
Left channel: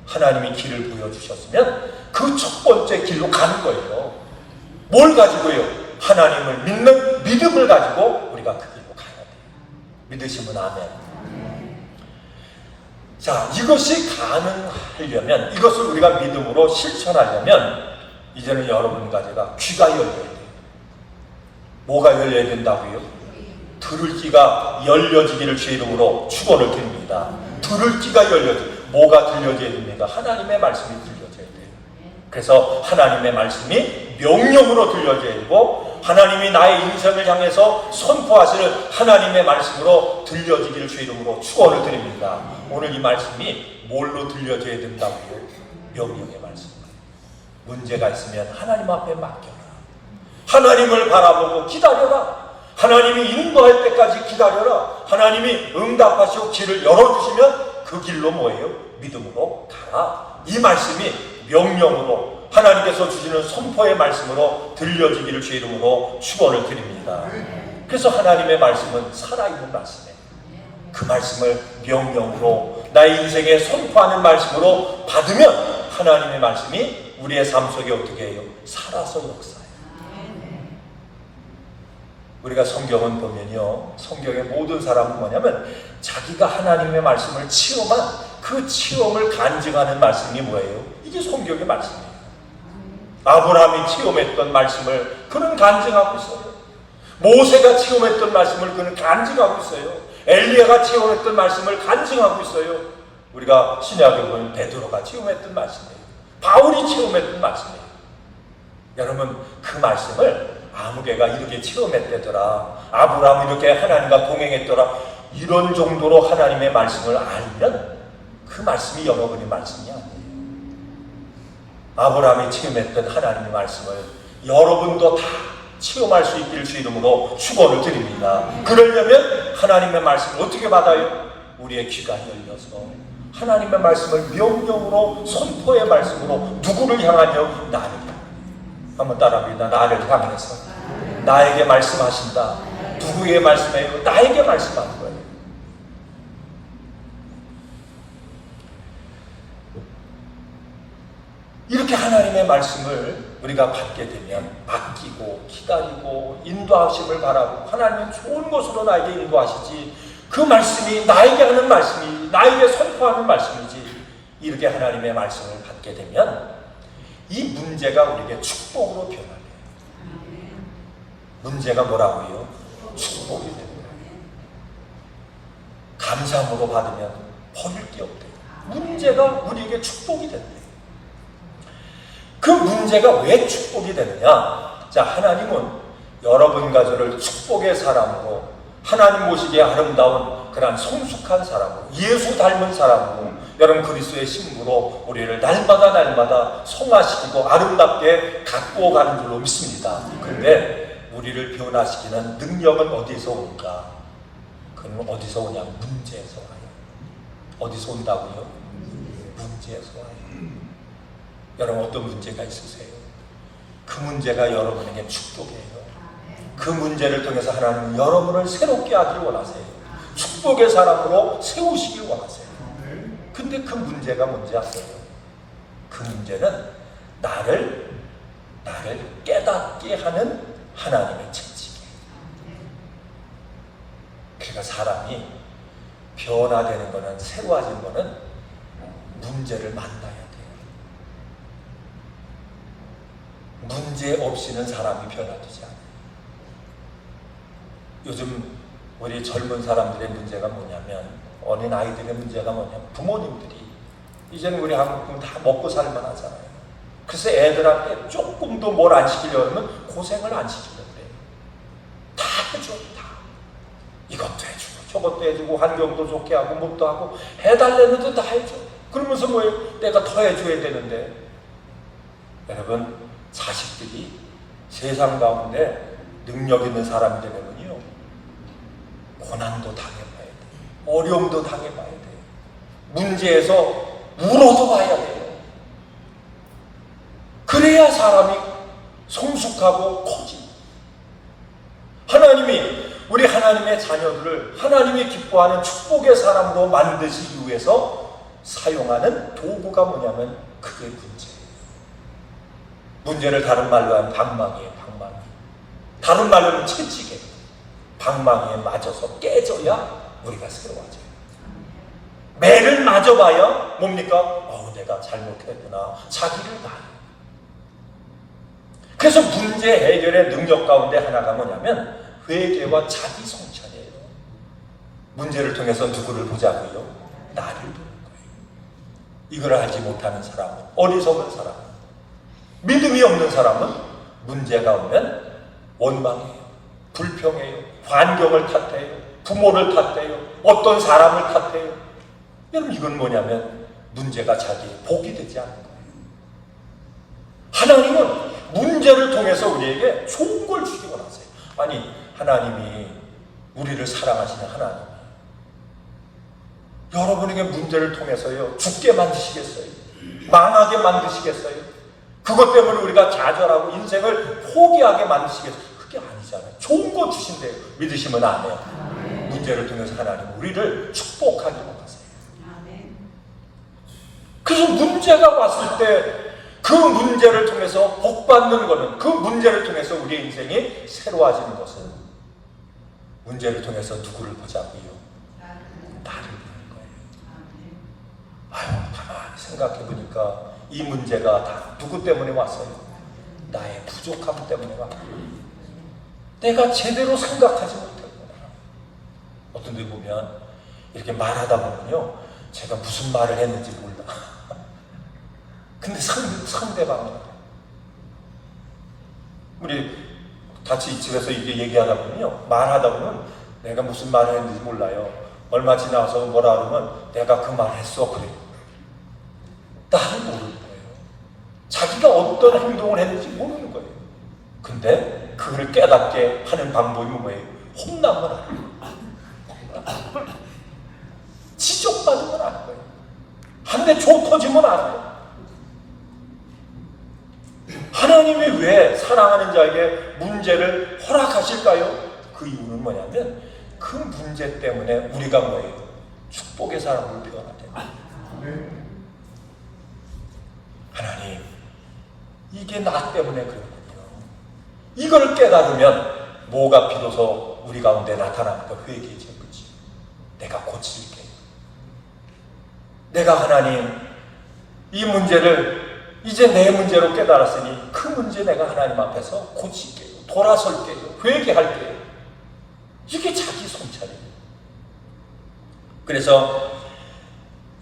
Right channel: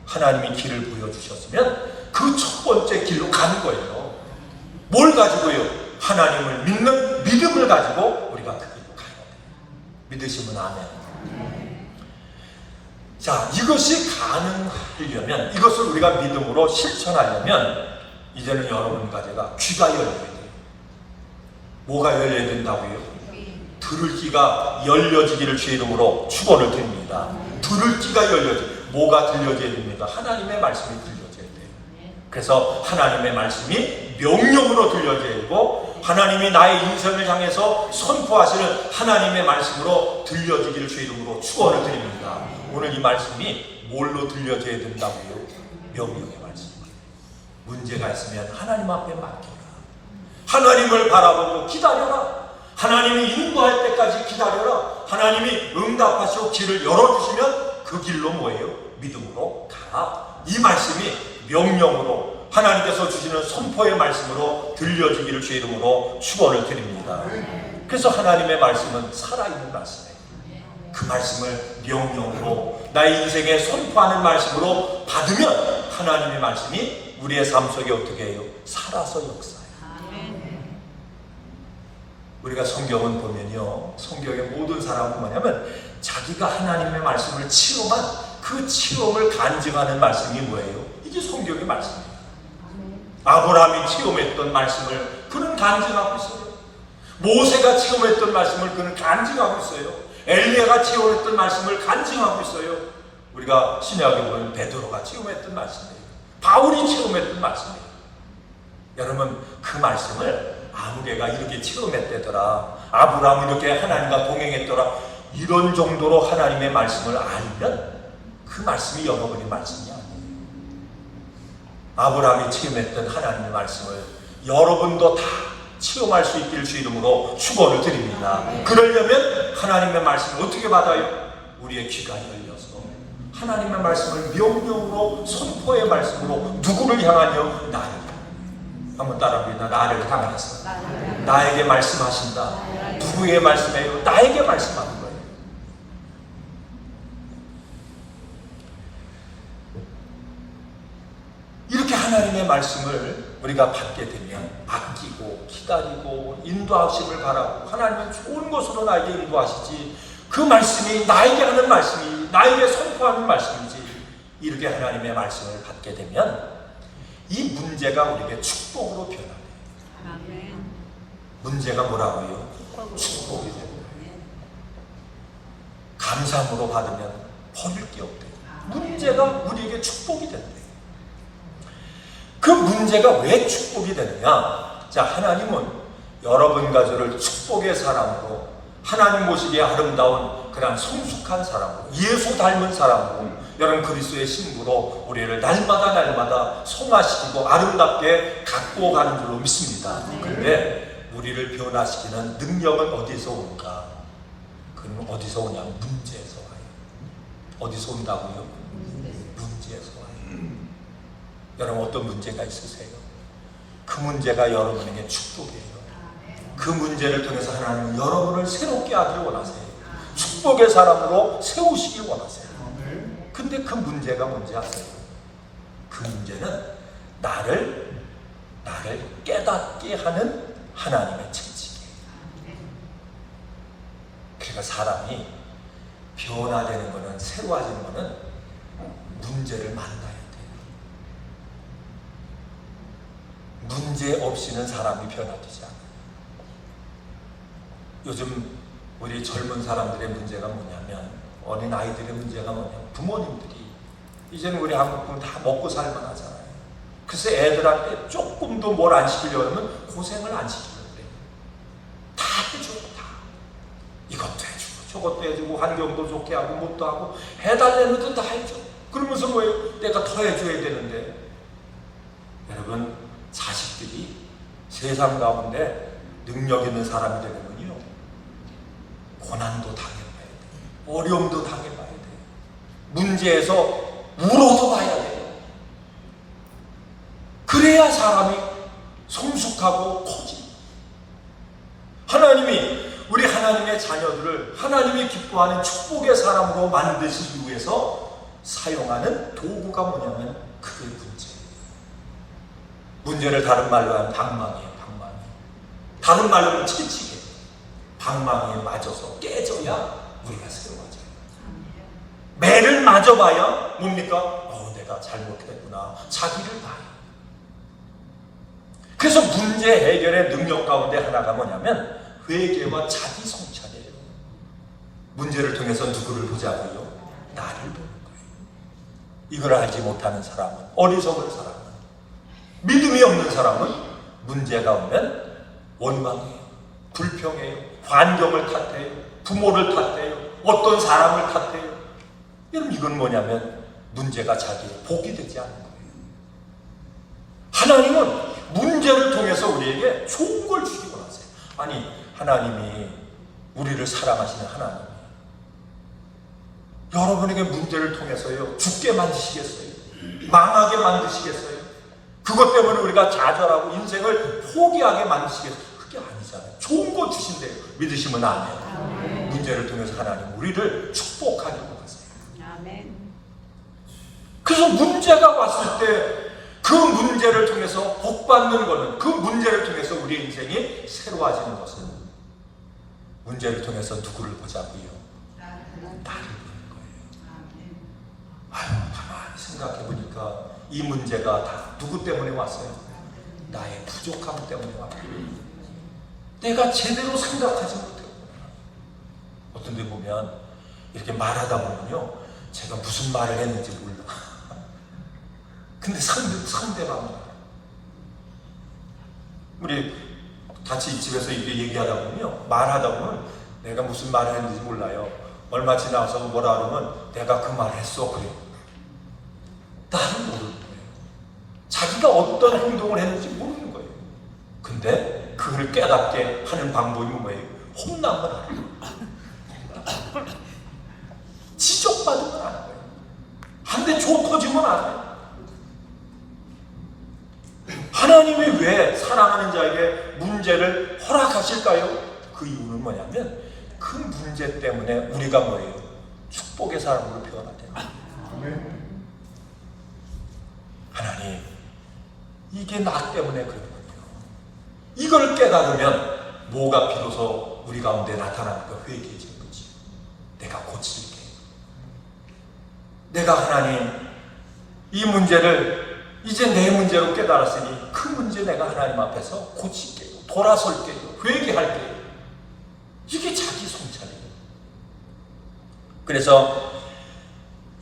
하나님이 길을 보여주셨으면 그 첫 번째 길로 가는 거예요. 뭘 가지고요? 하나님을 믿는 믿음을 가지고 우리가 그 길로 가야 돼요. 믿으시면 아멘. 자, 이것이 가능하려면, 이것을 우리가 믿음으로 실천하려면 이제는 여러분과 제가 귀가 열려야 돼요. 뭐가 열려야 된다고요? 들을 귀가 열려지기를 주 이름으로 축원을 드립니다. 들을 귀가 열려지, 뭐가 들려져야 됩니다? 하나님의 말씀이 들려져야 돼요. 그래서 하나님의 말씀이 명령으로 들려져야 되고, 하나님이 나의 인생을 향해서 선포하시는 하나님의 말씀으로 들려지기를 주 이름으로 축원을 드립니다. 오늘 이 말씀이 뭘로 들려져야 된다고요? 명령의 말씀. 문제가 있으면 하나님 앞에 맡겨라. 하나님을 바라보고 기다려라. 하나님이 인도할 때까지 기다려라. 하나님이 응답하시고 길을 열어주시면 그 길로 뭐예요? 믿음으로 가라. 이 말씀이 명령으로, 하나님께서 주시는 선포의 말씀으로 들려주기를 주 이름으로 축원을 드립니다. 그래서 하나님의 말씀은 살아있는 말씀이에요. 그 말씀을 명령으로 나의 인생에 선포하는 말씀으로 받으면 하나님의 말씀이 우리의 삶 속에 어떻게 해요? 살아서 역사해요. 우리가 성경을 보면요, 성경의 모든 사람은 뭐냐면 자기가 하나님의 말씀을 체험한 그 체험을 간증하는 말씀이 뭐예요? 이게 성경의 말씀이에요. 아브라함이 체험했던 말씀을 그는 간증하고 있어요. 모세가 체험했던 말씀을 그는 간증하고 있어요. 엘리야가 체험했던 말씀을 간증하고 있어요. 우리가 신약을 보면 베드로가 체험했던 말씀이에요. 바울이 체험했던 말씀이에요. 여러분, 그 말씀을 아무개가 이렇게 체험했다더라, 아브라함이 이렇게 하나님과 동행했더라, 이런 정도로 하나님의 말씀을 알면 그 말씀이 영어버린 말씀이 아니에요. 아브라함이 체험했던 하나님의 말씀을 여러분도 다 체험할 수 있기를 주 이름으로 축원을 드립니다. 그러려면 하나님의 말씀을 어떻게 받아요? 우리의 귀가 열려서 하나님의 말씀을 명령으로, 선포의 말씀으로 누구를 향하여? 나를. 한번 따라합니다. 나를 향해서 나에게 말씀하신다. 누구에게 말씀해요? 나에게 말씀하는 거예요. 이렇게 하나님의 말씀을 우리가 받게 되면 맡기고 기다리고 인도하심을 바라고, 하나님이 좋은 것으로 나에게 인도하시지, 그 말씀이 나에게 하는 말씀이, 나에게 선포하는 말씀이지, 이렇게 하나님의 말씀을 받게 되면 이 문제가 우리에게 축복으로 변합니다. 문제가 뭐라고요? 축복이 됩니다. 감사함으로 받으면 버릴 게 없대요. 문제가 우리에게 축복이 된대요. 그 문제가 왜 축복이 되느냐? 자, 하나님은 여러분 가족을 축복의 사람으로, 하나님 모시기에 아름다운 그런 성숙한 사람으로, 예수 닮은 사람으로, 여러분 그리스도의 신부로 우리를 날마다 성화시키고 아름답게 갖고 가는 줄로 믿습니다. 그런데 우리를 변화시키는 능력은 어디서 올까? 그러면 어디서 오냐면 문제에서 와요. 어디서 온다고요? 문제에서 와요. 여러분 어떤 문제가 있으세요? 그 문제가 여러분에게 축복이에요. 그 문제를 통해서 하나님은 여러분을 새롭게 하기 원하세요. 축복의 사람으로 세우시기 원하세요. 근데 그 문제가 뭔지 아세요? 그 문제는 나를 깨닫게 하는 하나님의 채찍이에요. 그러니까 사람이 변화되는 거는, 새로워지는 거는 문제를 만나야 돼요. 문제 없이는 사람이 변화되지 않아요. 요즘 우리 젊은 사람들의 문제가 뭐냐면, 어린 아이들의 문제가 뭐냐면, 부모님들이 이제는 우리 한국은 다 먹고 살만 하잖아요. 그래서 애들한테 조금도 뭘 안 시키려면 고생을 안 시키려고 해요. 다 해줘요. 다. 이것도 해주고 저것도 해주고 환경도 좋게 하고 뭣도 하고 해달라는 것도 다 해줘. 그러면서 뭐예요? 내가 더 해줘야 되는데. 여러분, 자식들이 세상 가운데 능력 있는 사람이 되면요, 고난도 당해봐야 돼요. 어려움도 당해봐야 돼요. 문제에서 울어도 봐야 돼요. 그래야 사람이 성숙하고 커집니다. 하나님이 우리 하나님의 자녀들을 하나님이 기뻐하는 축복의 사람으로 만드시기 위해서 사용하는 도구가 뭐냐면 그게 문제예요. 문제를 다른 말로 하면 방망이에요. 방망이. 다른 말로 하면 채찍이에요. 방망이에 맞아서 깨져야 우리가 새로워져요. 매를 맞아봐야 뭡니까? 내가 잘못했구나. 자기를 다. 그래서 문제 해결의 능력 가운데 하나가 뭐냐면 회개와 자기 성찰이에요. 문제를 통해서 누구를 보자고요? 나를 보는 거예요. 이걸 알지 못하는 사람은, 어리석은 사람은, 믿음이 없는 사람은 문제가 오면 원망해요. 불평해요. 환경을 탓해요. 부모를 탓해요. 어떤 사람을 탓해요. 여러분, 이건 뭐냐면 문제가 자기의 복이 되지 않는 거예요. 하나님은 문제를 통해서 우리에게 좋은 걸 주기 원하세요. 아니, 하나님이 우리를 사랑하시는 하나님이 여러분에게 문제를 통해서요, 죽게 만드시겠어요? 망하게 만드시겠어요? 그것 때문에 우리가 좌절하고 인생을 포기하게 만드시겠어요? 그게 아니잖아요. 좋은 거 주신대요. 믿으시면 안 돼요. 문제를 통해서 하나님 우리를 축복하기 원하세요. 그래서 문제가 왔을 때 그 문제를 통해서 복받는 것은, 그 문제를 통해서 우리의 인생이 새로워지는 것은, 문제를 통해서 누구를 보자고요? 나를 보는 거예요. 가만히 생각해보니까 이 문제가 다 누구 때문에 왔어요? 나의 부족함 때문에 왔어요. 내가 제대로 생각하지 못했구나. 어떤 데 보면 이렇게 말하다 보면요, 제가 무슨 말을 했는지 몰라. 근데 상대방은, 우리 같이 이 집에서 이렇게 얘기하다 보면요, 말하다 보면 내가 무슨 말을 했는지 몰라요. 얼마 지나서 뭐라 그러면 내가 그 말 했어. 그래. 나는 모르는 거예요. 자기가 어떤 행동을 했는지 모르는 거예요. 근데 그걸 깨닫게 하는 방법이 뭐예요? 혼나면 안 돼요. 지적받으면 안 돼요. 한 대 조 터지면 안 돼요. 하나님이 왜 사랑하는 자에게 문제를 허락하실까요? 그 이유는 뭐냐면 그 문제 때문에 우리가 뭐예요? 축복의 사람으로 태어났다. 하나님, 이게 나 때문에 그렇군요. 이걸 깨달으면 뭐가 비로소 우리 가운데 나타나는 거? 회개의 거지. 내가 고칠게. 내가 하나님, 이 문제를 이제 내 문제로 깨달았으니 그 문제 내가 하나님 앞에서 고칠게요. 돌아설게, 회개할게. 이게 자기 성찰이에요. 그래서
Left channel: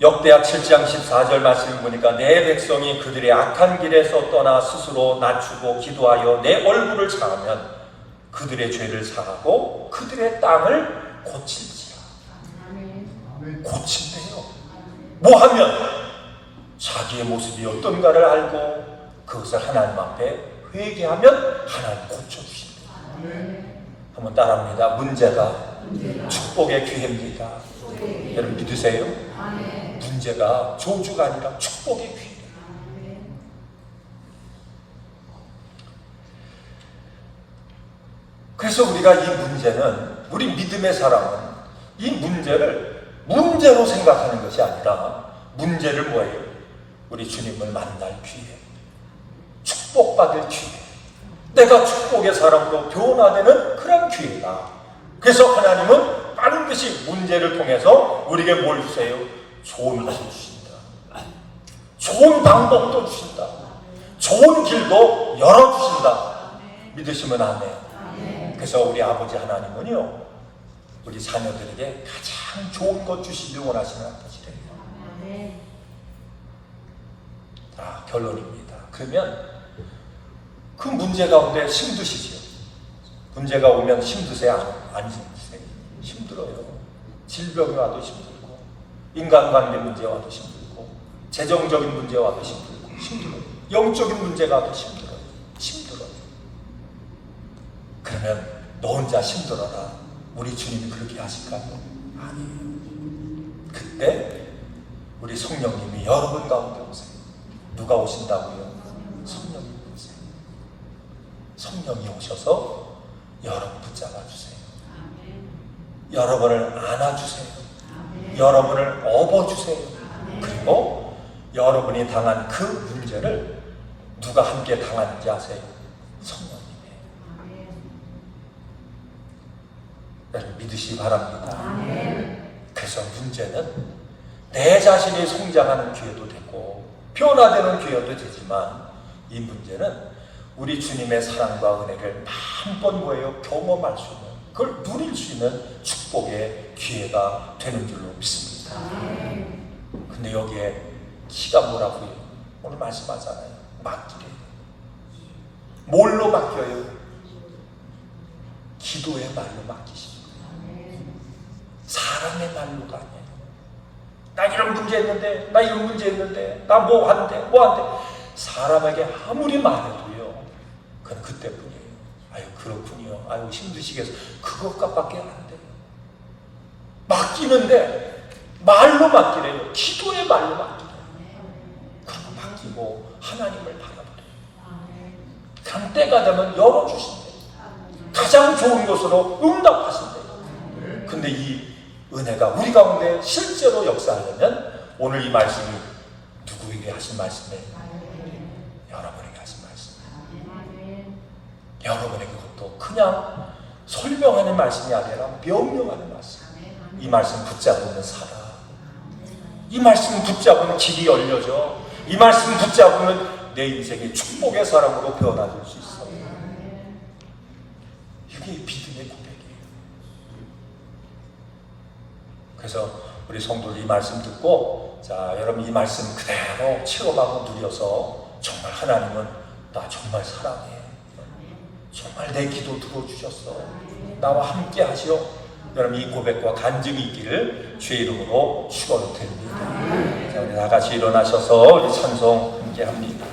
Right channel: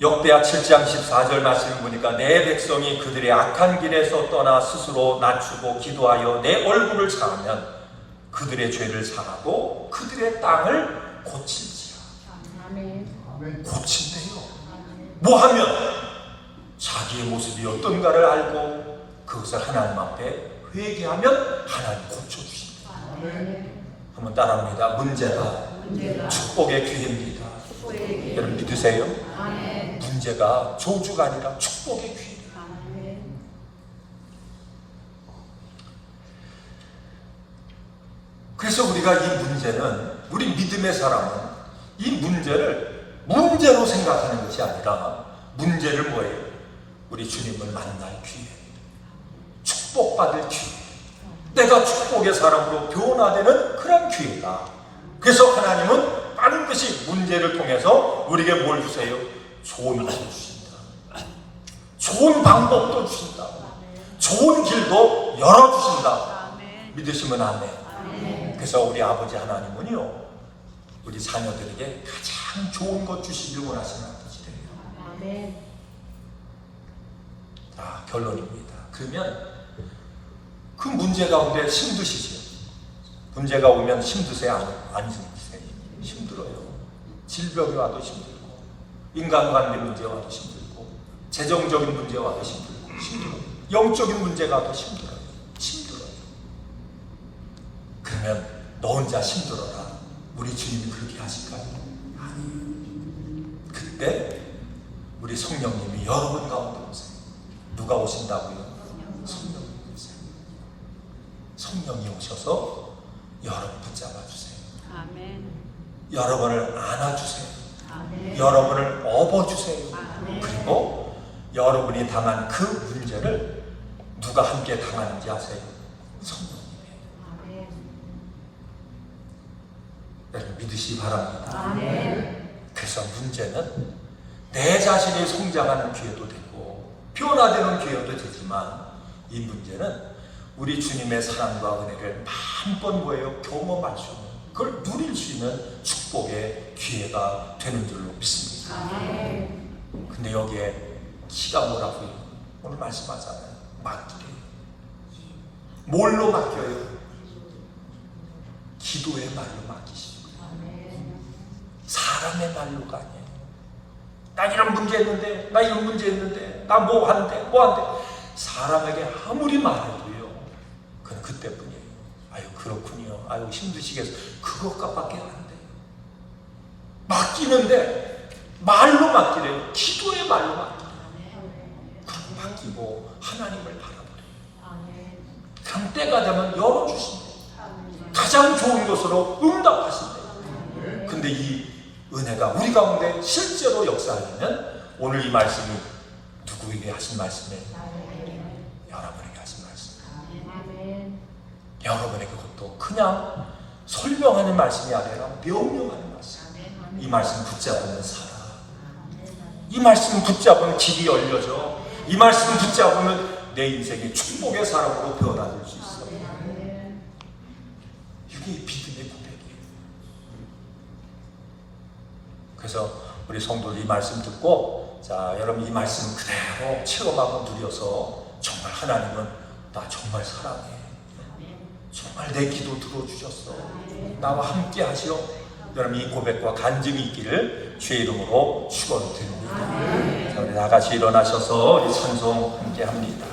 역대하 7장 14절 말씀 보니까 내 백성이 그들의 악한 길에서 떠나 스스로 낮추고 기도하여 내 얼굴을 향하면 그들의 죄를 사하고 그들의 땅을 고친지라. 고친대요. 뭐 하면? 자기의 모습이 어떤가를 알고 그것을 하나님 앞에 회개하면 하나님 고쳐주십니다. 한번 따라합니다. 문제가 축복의 기회입니다. 여러분 믿으세요? 문제가 저주가 아니라 축복의 기회입니다. 그래서 우리가 이 문제는, 우리 믿음의 사람은 이 문제를 문제로 생각하는 것이 아니라 문제를 뭐예요? 우리 주님을 만날 기회, 축복받을 기회, 내가 축복의 사람으로 변화되는 그런 기회다. 그래서 하나님은 반드시 문제를 통해서 우리에게 뭘 주세요? 좋은 것을 주신다. 좋은 방법도 주신다. 좋은 길도 열어주신다. 믿으시면 안 돼요. 그래서 우리 아버지 하나님은요, 우리 자녀들에게 가장 좋은 것 주시길 원하시는 아버지예요. 자, 결론입니다. 그러면 그 문제 가운데 힘드시죠? 문제가 오면 힘드세요? 안 힘드세요? 힘들어요. 질병이 와도 힘들고, 인간관계 문제 와도 힘들고, 재정적인 문제 와도 힘들고, 영적인 문제가 와도 힘들어요. 그러면 너 혼자 힘들어라. 우리 주님이 그렇게 하실까요? 아니에요. 그때 우리 성령님이 여러분 가운데 오세요. 누가 오신다고요? 성령이 오세요. 성령이 오셔서 여러분 붙잡아주세요. 여러분을 안아주세요. 여러분을 업어주세요. 그리고 여러분이 당한 그 문제를 누가 함께 당하는지 아세요? 성령. 여러분 믿으시기 바랍니다. 그래서 문제는 내 자신이 성장하는 기회도 되고 변화되는 기회도 되지만 이 문제는 우리 주님의 사랑과 은혜를 마음껏 뭐예요? 경험할 수 있는, 그걸 누릴 수 있는 축복의 기회가 되는 줄로 믿습니다. 근데 여기에 키가 뭐라고요? 오늘 말씀하잖아요. 맡기래. 뭘로 맡겨요? 기도의 날로 맡기시죠. 사람의 날로가 아니에요. 나 이런 문제 있는데, 나 이런 문제 있는데, 나 뭐 하는데, 뭐 하는데. 사람에게 아무리 말해도요, 그건 그때뿐이에요. 아유, 그렇군요. 아유, 힘드시겠어요. 그것밖에 안 돼요. 맡기는데, 말로 맡기래요. 기도의 말로 맡기래요. 그럼 맡기고, 하나님을 바라보래요. 단 때가 되면 열어주신다. 가장 좋은 것으로 응답하신다. 근데 이 은혜가 우리 가운데 실제로 역사하려면 오늘 이 말씀이 누구에게 하신 말씀이에요? 여러분에게 하신 말씀. 여러분에게 그것도 그냥 설명하는 말씀이 아니라 명령하는 말씀. 이 말씀 붙잡으면 살아. 이 말씀 붙잡으면 길이 열려져. 이 말씀 붙잡으면 내 인생이 축복의 사람으로 변화될 수 있어요. 이게 믿음의 고백이에요. 그래서 우리 성도들 이 말씀 듣고, 자, 여러분 이 말씀 그대로 체험하고 누려서 정말 하나님은 나 정말 사랑해. 정말 내 기도 들어주셨어. 나와 함께 하시오. 여러분 이 고백과 간증이 있기를 주의 이름으로 축원드립니다. 자, 우리 다 같이 일어나셔서 우리 찬송 함께 합니다.